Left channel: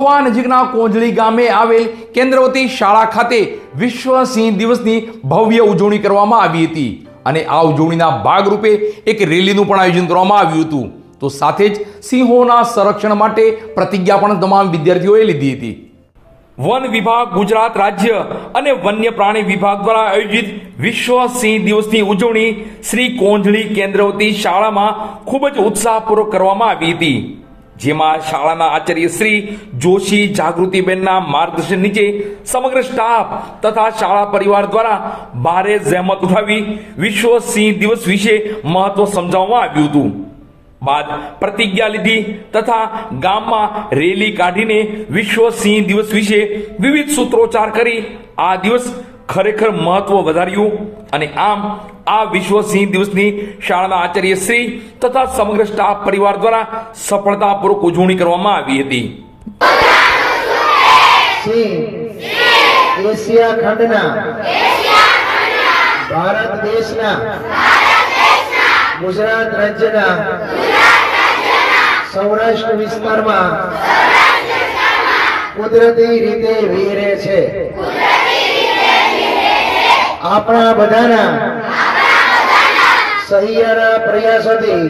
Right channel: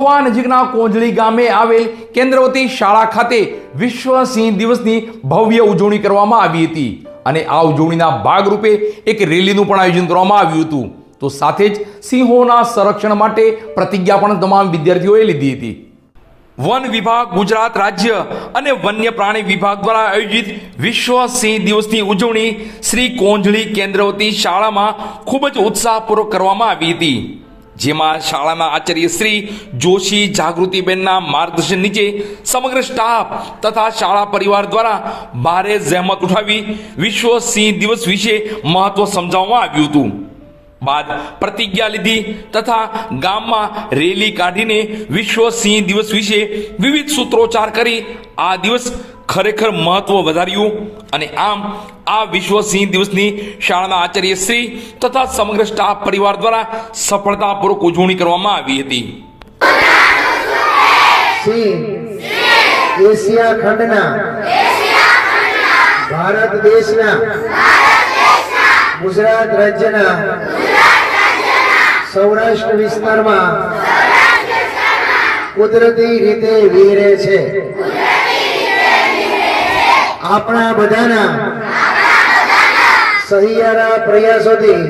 મહુવા નજીકના કોંજળી ગામે આવેલ કેન્દ્રવતી શાળા ખાતે વિશ્વ સિંહ દિવસની ભવ્ય ઉજવણી કરવામાં આવી હતી. અને આ ઉજવણીના ભાગરૂપે એક રેલીનું પણ આયોજન કરવામાં આવ્યું હતું. તો સાથે જ સિંહોના સંરક્ષણ માટે પ્રતિજ્ઞા પણ તમામ વિદ્યાર્થીઓએ લીધી હતી. વન વિભાગ, ગુજરાત રાજ્ય અને વન્ય પ્રાણી વિભાગ દ્વારા આયોજિત વિશ્વ સિંહ દિવસની ઉજવણી શ્રી કોંજળી કેન્દ્રવતી શાળામાં ખૂબ જ ઉત્સાહપૂર્વક કરવામાં આવી હતી. જેમાં શાળાના આચાર્ય શ્રી જોશી જાગૃતિબેનના માર્ગદર્શન નીચે સમગ્ર સ્ટાફ તથા શાળા પરિવાર દ્વારા ભારે જહેમત ઉઠાવી વિશ્વ સિંહ દિવસ વિશે મહત્વ સમજાવવામાં આવ્યું હતું. બાદ પ્રતિજ્ઞા લીધી તથા ગામમાં રેલી કાઢીને વિશ્વ સિંહ દિવસ વિશે વિવિધ સૂત્રોચ્ચાર કરી આ દિવસ ખરેખર મહત્વ વધાર્યું. અને આમ આ વિશ્વ સિંહ દિવસની શાળાના આચાર્ય શ્રી તથા સમગ્ર સ્ટાફ પરિવાર દ્વારા સફળતાપૂર્વક ઉજવણી કરવામાં આવી હતી. એશિયા ખંડના, ભારત દેશના, ગુજરાત રાજ્યના સૌરાષ્ટ્ર વિસ્તારમાં કુદરતી રીતે વીરે છે. આપણા બધાના સહિયારા પ્રયાસોથી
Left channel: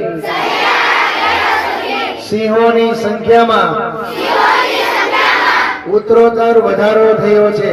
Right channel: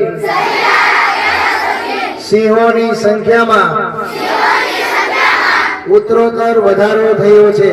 સિંહોની સંખ્યામાં ઉત્તરોત્તર વધારો થયો છે.